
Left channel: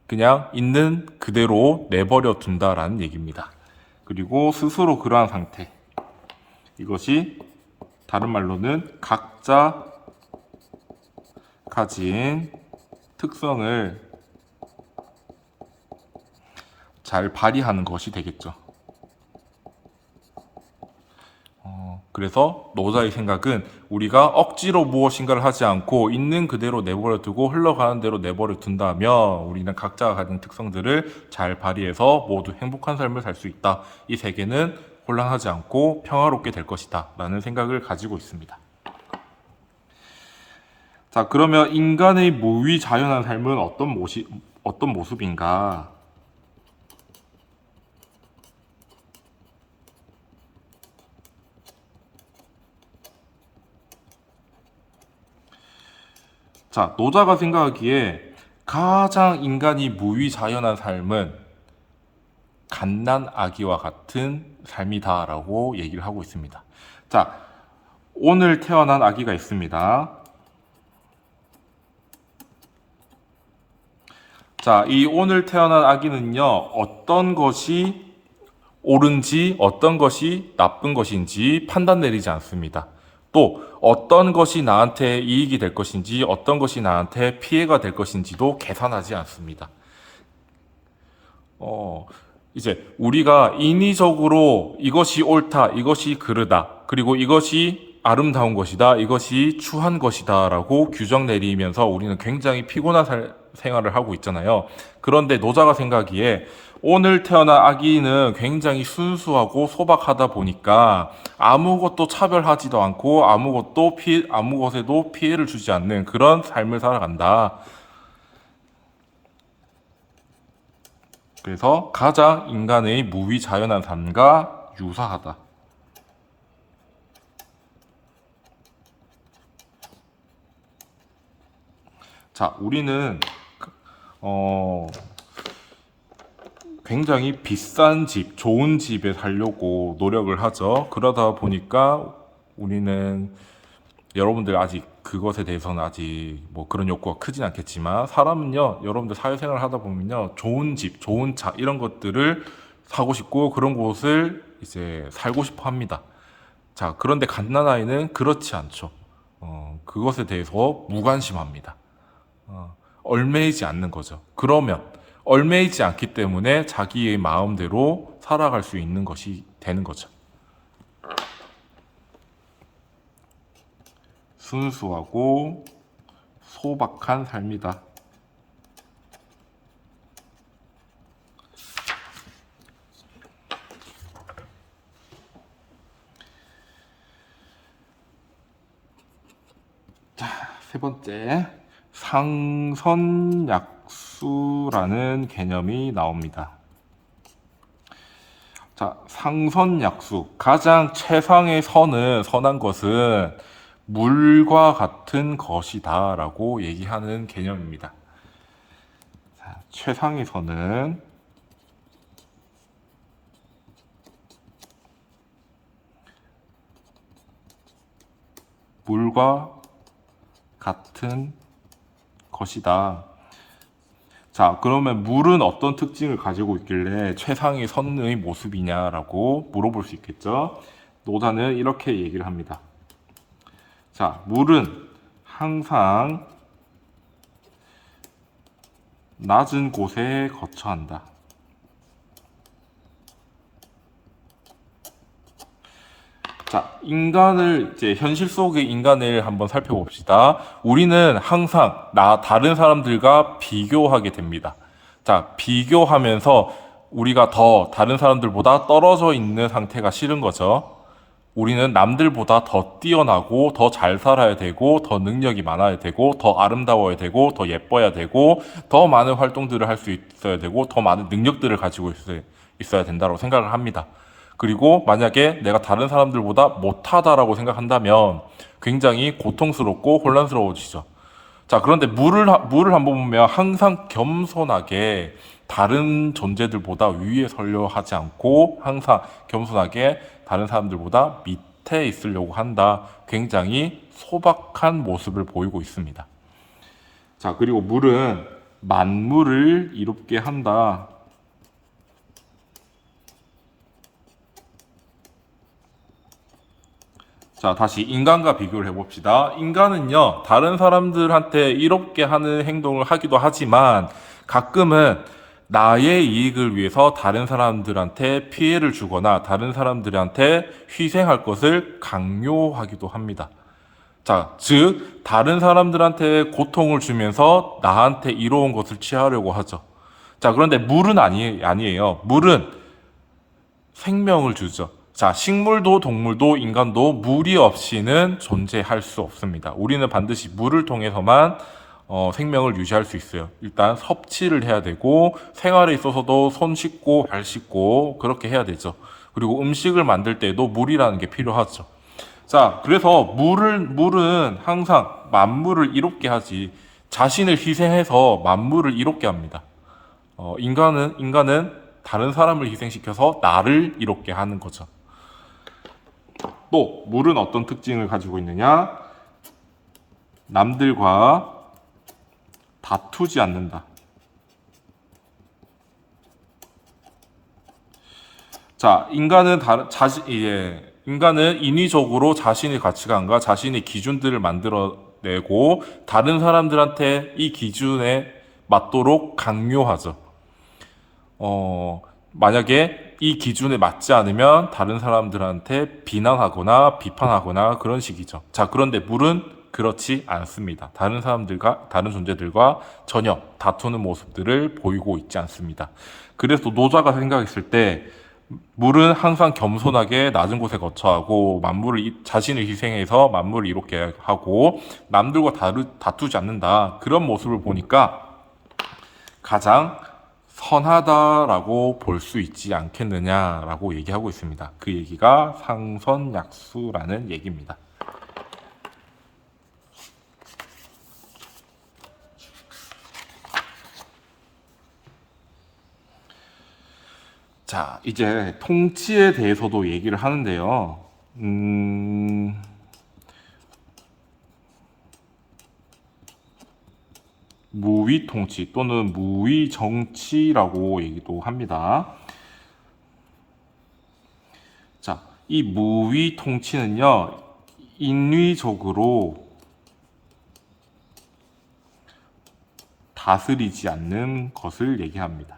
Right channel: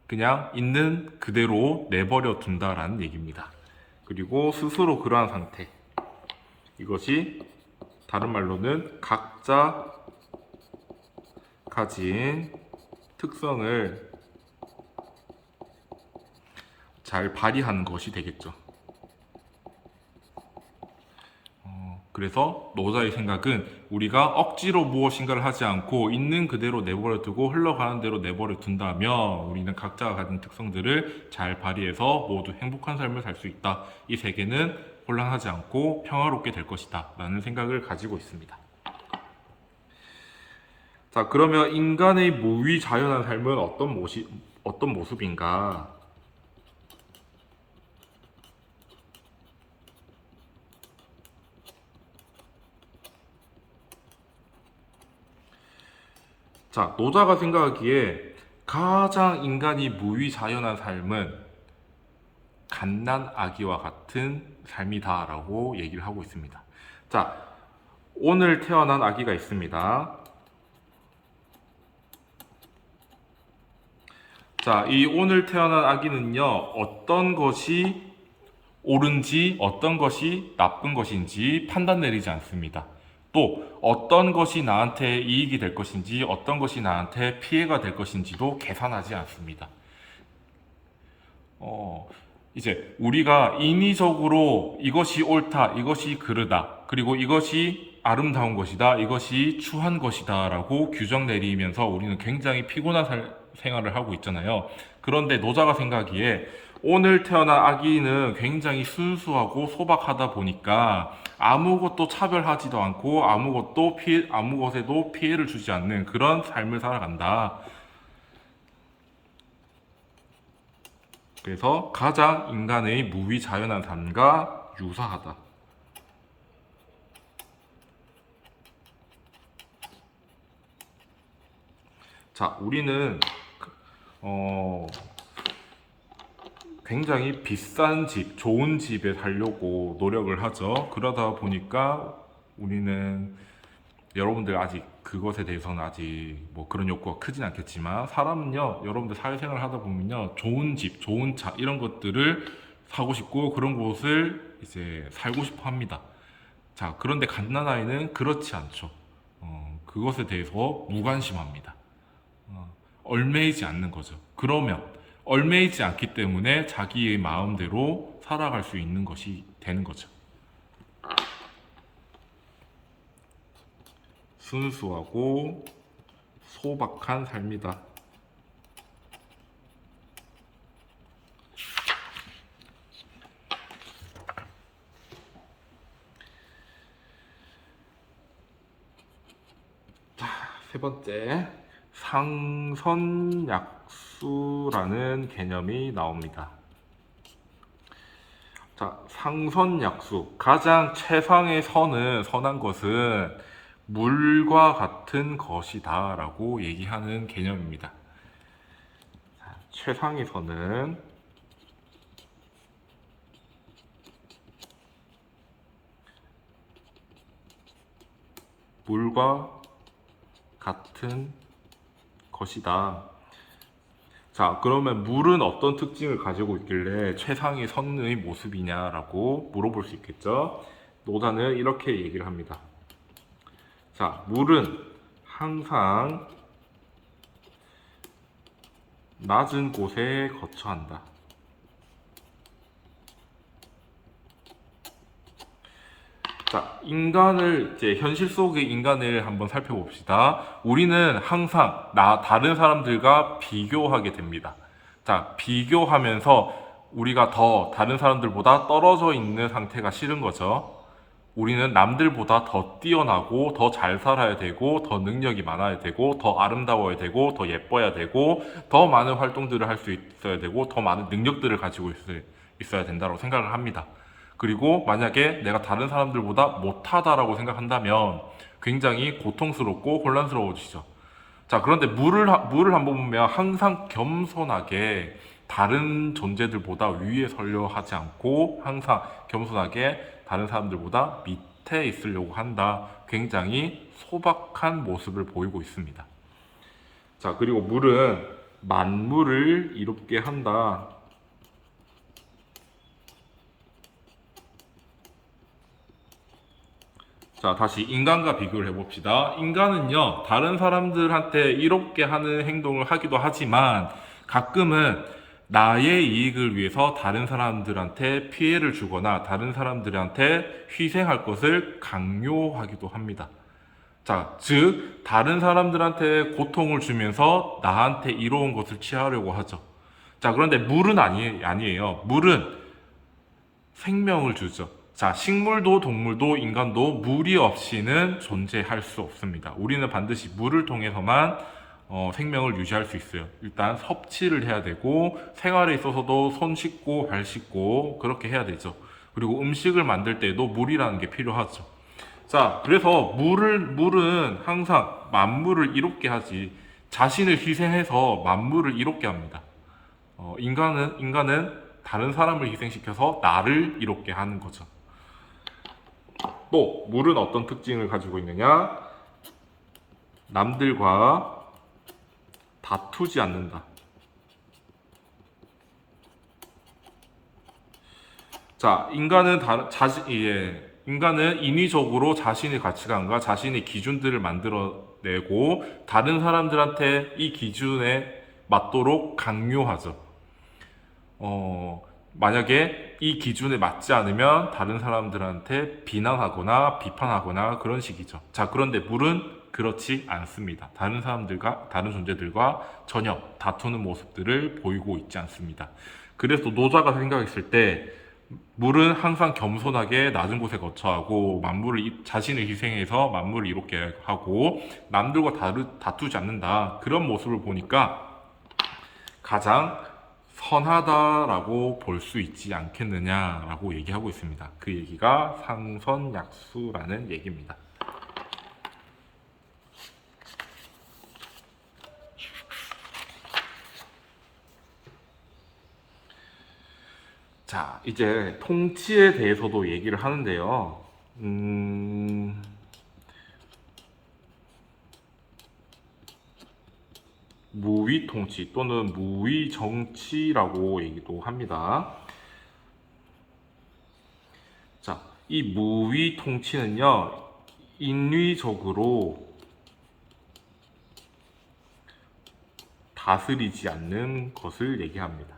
그냥 있는 그대로 내버려 둔다라는 얘기입니다. 그리고 스스로 그러한 상태. 이것이 다른 말로는 각자 가진 특성을 잘 발휘하는 것이 되겠죠. 그래서 노자의 생각은 우리가 억지로 무엇인가를 하지 않고 있는 그대로 내버려 두고 흘러가는 대로 내버려 둔다면 우리는 각자가 가진 특성들을 잘 발휘해서 모두 행복한 삶을 살 수 있다. 이 세계는 혼란하지 않고 평화롭게 될 것이다. 라는 생각을 가지고 있습니다. 자, 그러면 인간의 무위자연한 삶은 어떤 모습인가? 자, 노자가 생각하기에 가장 인간이 무위자연한 삶은 갓난 아기와 같은 삶이다라고 얘기를 하고 있습니다. 자, 오늘 태어난 아기가 있습니다. 자, 이 오늘 태어난 아기는요, 어떤 것이 옳은지, 어떤 것이 나쁜 것인지 판단 내리지 않습니다. 또, 어떤 것이 나한테 이익이 될 것인지, 어떤 것이 나한테 피해가 될 것인지도 계산하지 않습니다. 어, 이제 우리가 인위적으로 이것이 옳다, 이것이 그르다, 그리고 이것이 아름다운 것이다, 이것이 추한 것이다 라고 규정 내리면서 우리는 굉장히 피곤한 생활을 하고 있잖아요. 그런데 노자가 생각하기에 오늘 태어난 아기는 굉장히 순수하고 소박하다 보니까 아무것도 차별하지도 않고 아무 것에도 피해를 주지 않는 그런 삶을 살아간다. 그래서 가장 인간의 무위자연한 삶과 유사하다. 자, 우리는 어, 굉장히 비싼 집, 좋은 집에 살려고 노력을 하죠. 그러다 보니까 우리는 여러분들 아직 그것에 대해서는 아직 뭐 그런 욕구가 크진 않겠지만 사람은요, 여러분들 사회생활 하다 보면요, 좋은 집, 좋은 차 이런 것들을 사고 싶고 그런 곳을 이제 살고 싶어 합니다. 자, 그런데 갓난아이는 그렇지 않죠. 그것에 대해서 무관심합니다. 얼매이지 않는 거죠. 그러면 얼매이지 않기 때문에 자기의 마음대로 살아갈 수 있는 것이 되는 거죠. 순수하고 소박한 삶이다. 세 번째, 상선약수라는 개념이 나옵니다. 자, 상선약수. 가장 최상의 선한 것은 물과 같은 것이다 라고 얘기하는 개념입니다. 자, 최상의 선은 물과 같은 것이다. 자, 그러면 물은 어떤 특징을 가지고 있길래 최상의 선의 모습이냐라고 물어볼 수 있겠죠? 노자는 이렇게 얘기를 합니다. 자, 물은 항상 낮은 곳에 거처한다. 자, 이제 현실 속의 인간을 한번 살펴봅시다. 우리는 항상 다른 사람들과 비교하게 됩니다. 자, 비교하면서 우리가 더 다른 사람들보다 떨어져 있는 상태가 싫은 거죠. 우리는 남들보다 더 뛰어나고 더 잘 살아야 되고 더 능력이 많아야 되고 더 아름다워야 되고 더 예뻐야 되고 더 많은 활동들을 할 수 있어야 되고 더 많은 능력들을 가지고 있어야 된다고 생각을 합니다. 그리고 만약에 내가 다른 사람들보다 못하다라고 생각한다면 굉장히 고통스럽고 혼란스러워지죠. 자, 그런데 물을 한번 보면 항상 겸손하게 다른 존재들보다 위에 서려 하지 않고 항상 겸손하게 다른 사람들보다 밑에 있으려고 한다. 굉장히 소박한 모습을 보이고 있습니다. 자, 그리고 물은 만물을 이롭게 한다. 자, 다시 인간과 비교를 해봅시다. 인간은요, 다른 사람들한테 이롭게 하는 행동을 하기도 하지만 가끔은 나의 이익을 위해서 다른 사람들한테 피해를 주거나 다른 사람들한테 희생할 것을 강요하기도 합니다. 자, 즉, 다른 사람들한테 고통을 주면서 나한테 이로운 것을 취하려고 하죠. 자, 그런데 물은 아니에요. 물은 생명을 주죠. 자, 식물도 동물도 인간도 물이 없이는 존재할 수 없습니다. 우리는 반드시 물을 통해서만 생명을 유지할 수 있어요. 일단 섭취를 해야 되고 생활에 있어서도 손 씻고 발 씻고 그렇게 해야 되죠. 그리고 음식을 만들 때도 물이라는 게 필요하죠. 자, 그래서 물은 항상 만물을 이롭게 하지 자신을 희생해서 만물을 이롭게 합니다. 인간은 다른 사람을 희생시켜서 나를 이롭게 하는 거죠. 또 물은 어떤 특징을 가지고 있느냐? 남들과 다투지 않는다. 자, 인간은 인위적으로 자신의 가치관과 자신의 기준들을 만들어내고 다른 사람들한테 이 기준에 맞도록 강요하죠. 만약에 이 기준에 맞지 않으면 다른 사람들한테 비난하거나 비판하거나 그런 식이죠. 자, 그런데 물은 그렇지 않습니다. 다른 존재들과 전혀 다투는 모습들을 보이고 있지 않습니다. 그래서 노자가 생각했을 때 물은 항상 겸손하게 낮은 곳에 거처하고 자신을 희생해서 만물을 이롭게 하고 남들과 다투지 않는다. 그런 모습을 보니까 가장 선하다라고 볼 수 있지 않겠느냐라고 얘기하고 있습니다. 그 얘기가 상선약수라는 얘기입니다. 자, 이제 통치에 대해서도 얘기를 하는데요. 무위 통치 또는 무위 정치라고 얘기도 합니다. 자, 이 무위 통치는요, 인위적으로 다스리지 않는 것을 얘기합니다.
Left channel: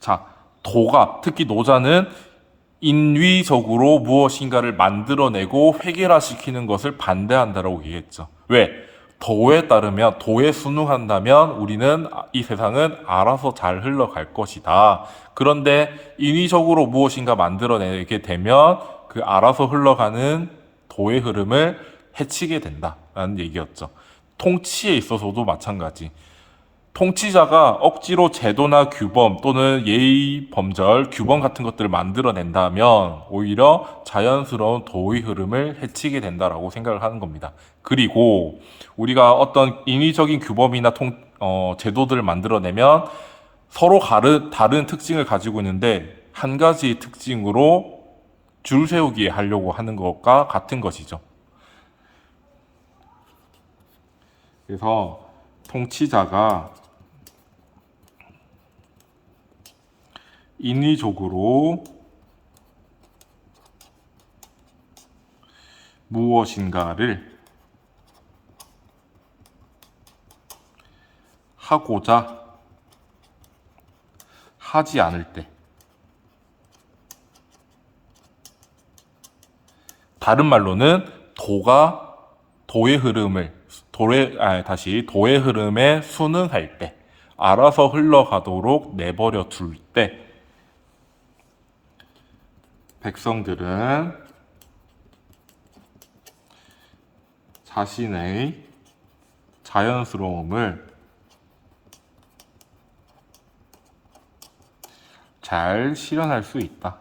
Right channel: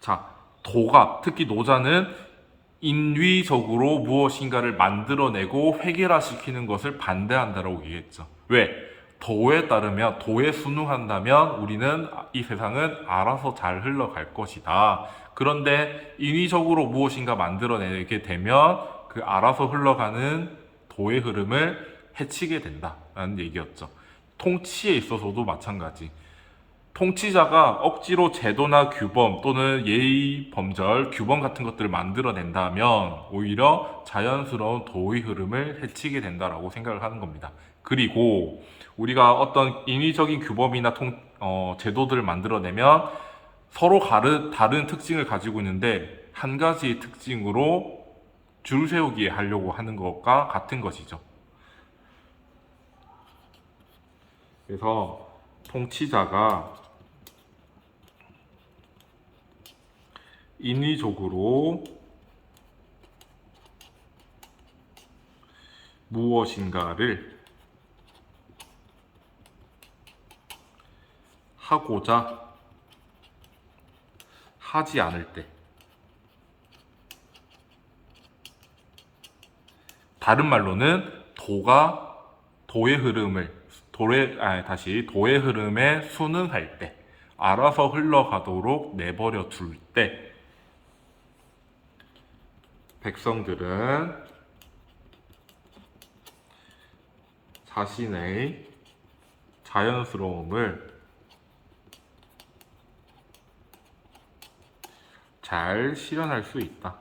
자, 특히 노자는 인위적으로 무엇인가를 만들어내고 획일화시키는 것을 반대한다라고 얘기했죠. 왜? 도에 따르면, 도에 순응한다면 우리는 이 세상은 알아서 잘 흘러갈 것이다. 그런데 인위적으로 무엇인가 만들어내게 되면 그 알아서 흘러가는 도의 흐름을 해치게 된다라는 얘기였죠. 통치에 있어서도 마찬가지. 통치자가 억지로 제도나 규범 또는 예의, 범절, 규범 같은 것들을 만들어낸다면 오히려 자연스러운 도의 흐름을 해치게 된다라고 생각을 하는 겁니다. 그리고 우리가 어떤 인위적인 규범이나 제도들을 만들어내면 서로 다른 특징을 가지고 있는데 한 가지 특징으로 줄 세우기에 하려고 하는 것과 같은 것이죠. 그래서 통치자가 인위적으로 무엇인가를 하고자 하지 않을 때, 다른 말로는 도의 흐름에 순응할 때, 알아서 흘러가도록 내버려 둘 때, 백성들은 자연스러움을 잘 실현할 수 있다.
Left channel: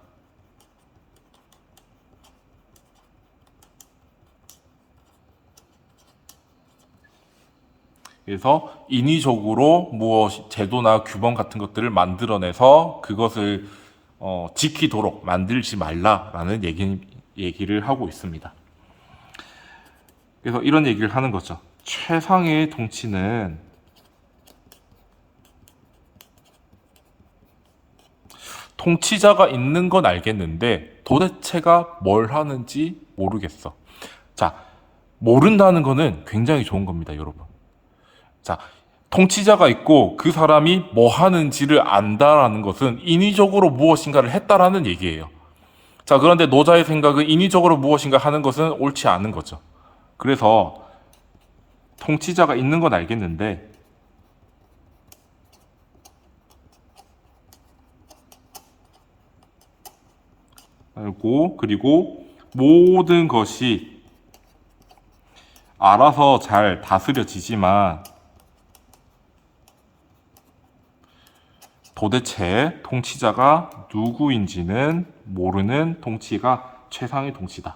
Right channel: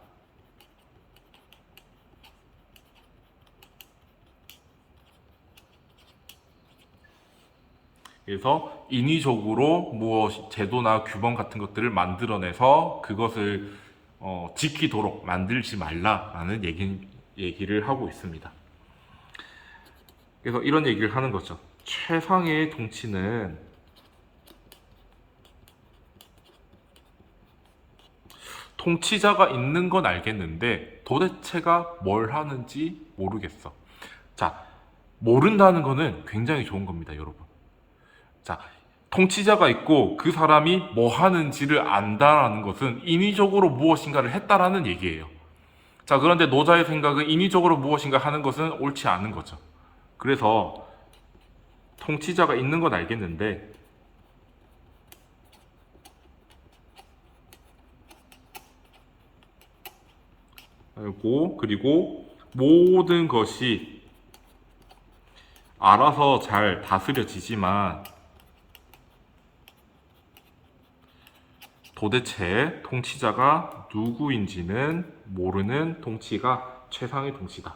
그래서 인위적으로 무엇 제도나 규범 같은 것들을 만들어내서 그것을 지키도록 만들지 말라라는 얘기를 하고 있습니다. 그래서 이런 얘기를 하는 거죠. 최상의 통치는 통치자가 있는 건 알겠는데 도대체가 뭘 하는지 모르겠어. 자, 모른다는 거는 굉장히 좋은 겁니다, 여러분. 자, 통치자가 있고 그 사람이 뭐 하는지를 안다라는 것은 인위적으로 무엇인가를 했다라는 얘기예요. 자, 그런데 노자의 생각은 인위적으로 무엇인가 하는 것은 옳지 않은 거죠. 그래서 통치자가 있는 건 알겠는데 그리고 모든 것이 알아서 잘 다스려지지만 도대체 통치자가 누구인지는 모르는 통치가 최상의 통치다.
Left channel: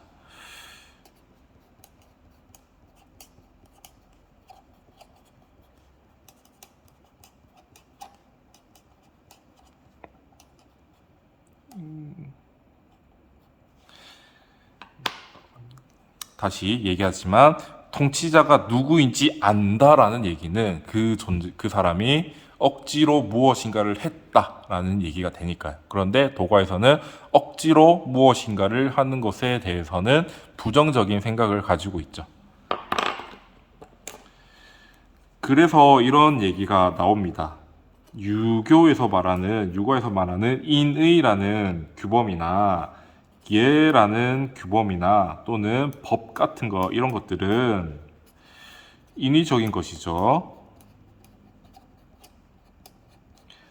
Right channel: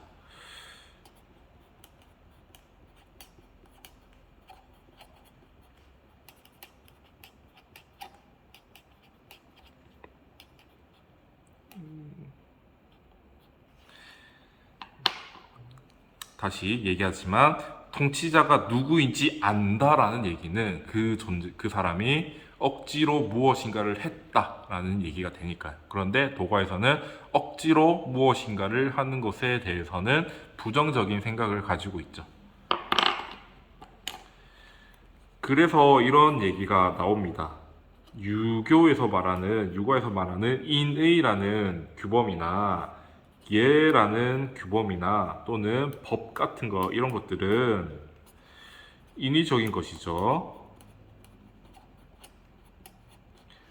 다시 얘기하지만 통치자가 누구인지 안다라는 얘기는 그 사람이 억지로 무엇인가를 했다라는 얘기가 되니까요. 그런데 도가에서는 억지로 무엇인가를 하는 것에 대해서는 부정적인 생각을 가지고 있죠. 그래서 이런 얘기가 나옵니다. 유가에서 말하는 인의라는 규범이나 예라는 규범이나 또는 법 같은 거 이런 것들은 인위적인 것이죠.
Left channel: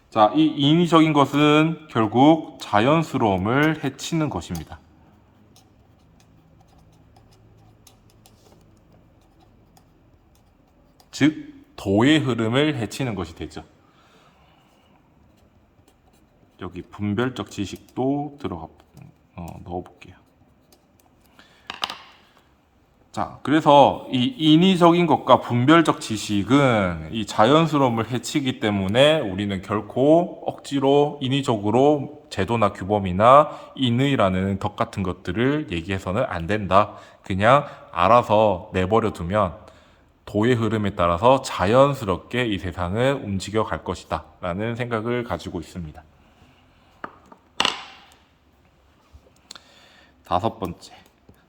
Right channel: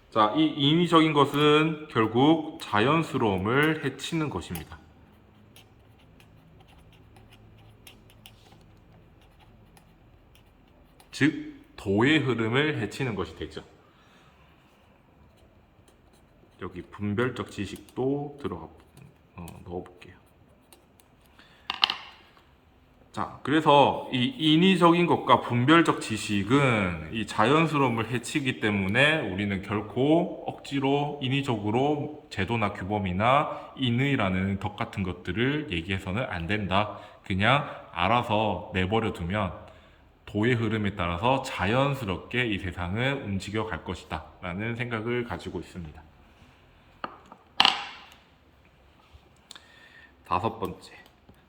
자, 이 인위적인 것은 결국 자연스러움을 해치는 것입니다. 즉, 도의 흐름을 해치는 것이 되죠. 여기 분별적 지식도 넣어볼게요. 자, 그래서 이 인위적인 것과 분별적 지식은 이 자연스러움을 해치기 때문에 우리는 결코 억지로 인위적으로 제도나 규범이나 인의라는 덕 같은 것들을 얘기해서는 안 된다. 그냥 알아서 내버려 두면 도의 흐름에 따라서 자연스럽게 이 세상은 움직여 갈 것이다 라는 생각을 가지고 있습니다. 5번째.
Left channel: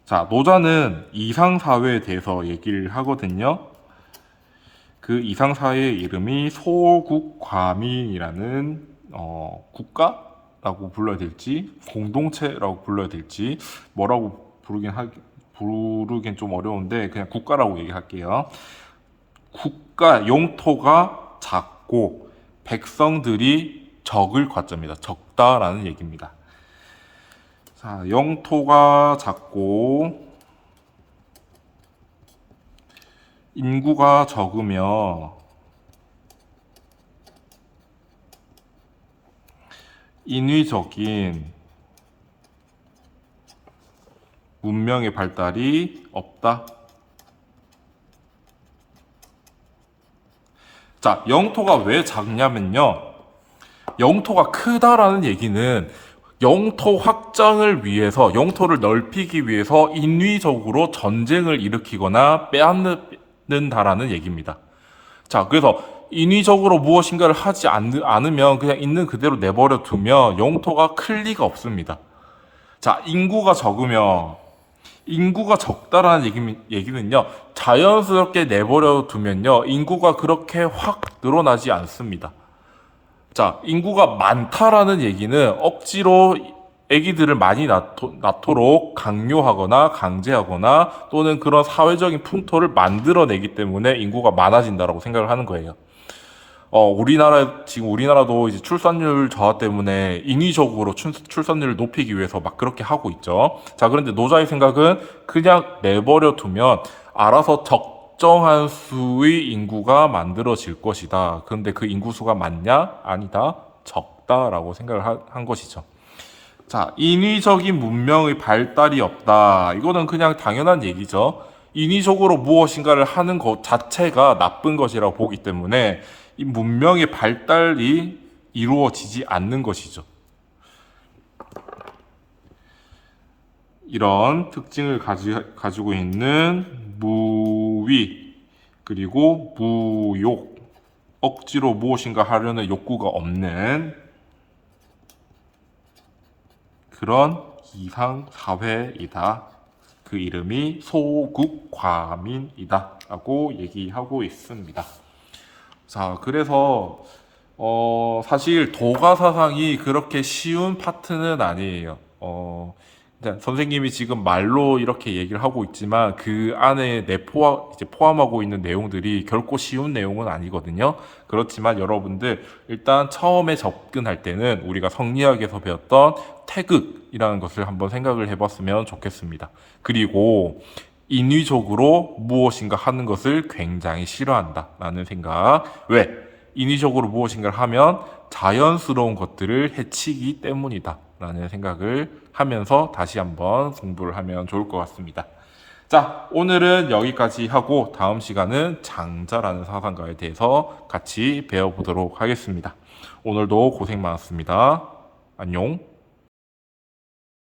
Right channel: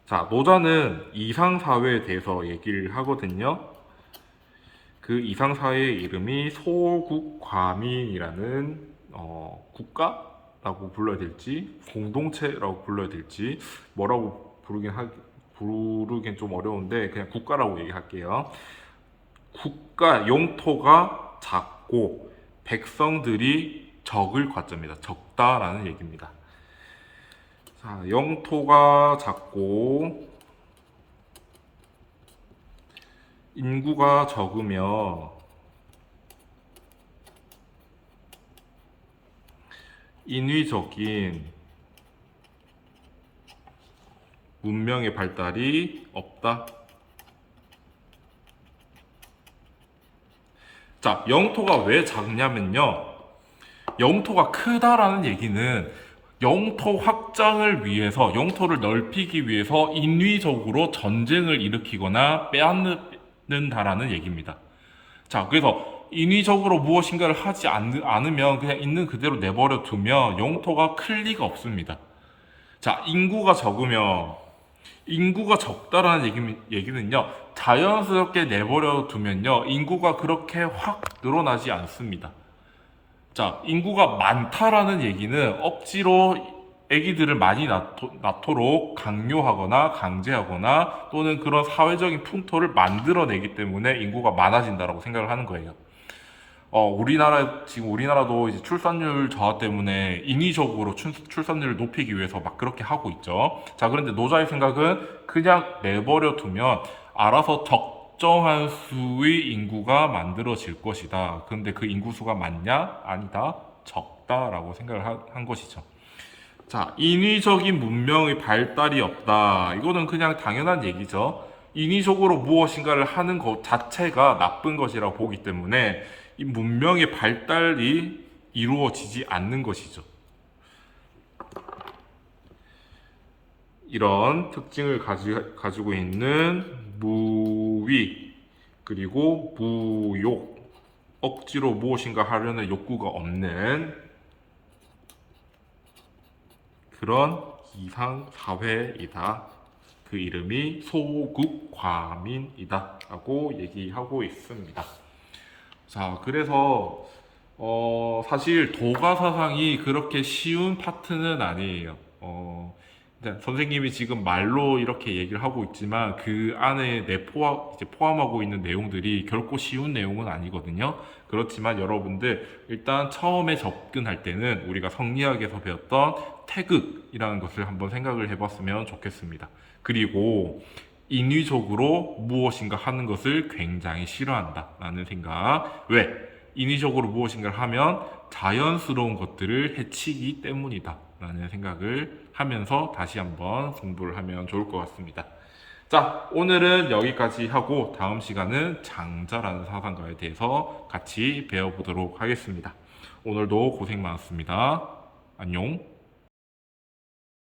자, 노자는 이상사회에 대해서 얘기를 하거든요. 그 이상사회의 이름이 소국과민이라는 국가라고 불러야 될지 공동체라고 불러야 될지 뭐라고 부르긴 좀 어려운데 그냥 국가라고 얘기할게요. 국가 영토가 작고 백성들이 적을 과자입니다. 적다라는 얘기입니다. 자, 영토가 작고 인구가 적으며 인위적인 문명의 발달이 없다. 자, 영토가 왜 작냐면요. 영토가 크다라는 얘기는 영토 확장을 위해서, 영토를 넓히기 위해서 인위적으로 전쟁을 일으키거나 빼앗는다라는 얘기입니다. 자, 그래서 인위적으로 무엇인가를 하지 않으면 그냥 있는 그대로 내버려 두면 영토가 클 리가 없습니다. 자, 인구가 적다라는 얘기는요, 자연스럽게 내버려 두면요, 인구가 그렇게 확 늘어나지 않습니다. 자, 인구가 많다라는 얘기는 억지로 아기들을 많이 낳도록 강요하거나 강제하거나 또는 그런 사회적인 풍토를 만들어내기 때문에 인구가 많아진다라고 생각을 하는 거예요. 지금 우리나라도 이제 출산율 저하 때문에 인위적으로 출산율을 높이기 위해서 막 그렇게 하고 있죠. 자, 그런데 노자의 생각은 그냥 내버려 두면 알아서 적정한 수의 인구가 만들어질 것이다. 그런데 그 인구수가 많냐? 아니다. 적다라고 생각을 한 것이죠. 자, 인위적인 문명의 발달이 없다. 이거는 그냥 당연한 얘기죠. 인위적으로 무엇인가를 하는 것 자체가 나쁜 것이라고 보기 때문에 이 문명의 발달이 이루어지지 않는 것이죠. 이런 특징을 가지고 있는 무위, 그리고 무욕, 억지로 무엇인가 하려는 욕구가 없는 그런 이상 사회이다. 그 이름이 소국과민이다 라고 얘기하고 있습니다. 자, 그래서 사실 도가 사상이 그렇게 쉬운 파트는 아니에요. 선생님이 지금 말로 이렇게 얘기를 하고 있지만 그 안에 이제 포함하고 있는 내용들이 결코 쉬운 내용은 아니거든요. 그렇지만 여러분들 일단 처음에 접근할 때는 우리가 성리학에서 배웠던 태극이라는 것을 한번 생각을 해봤으면 좋겠습니다. 그리고 인위적으로 무엇인가 하는 것을 굉장히 싫어한다라는 생각. 왜? 인위적으로 무엇인가를 하면 자연스러운 것들을 해치기 때문이다 라는 생각을 하면서 다시 한번 공부를 하면 좋을 것 같습니다. 자, 오늘은 여기까지 하고 다음 시간은 장자라는 사상가에 대해서 같이 배워보도록 하겠습니다. 오늘도 고생 많았습니다. 안녕.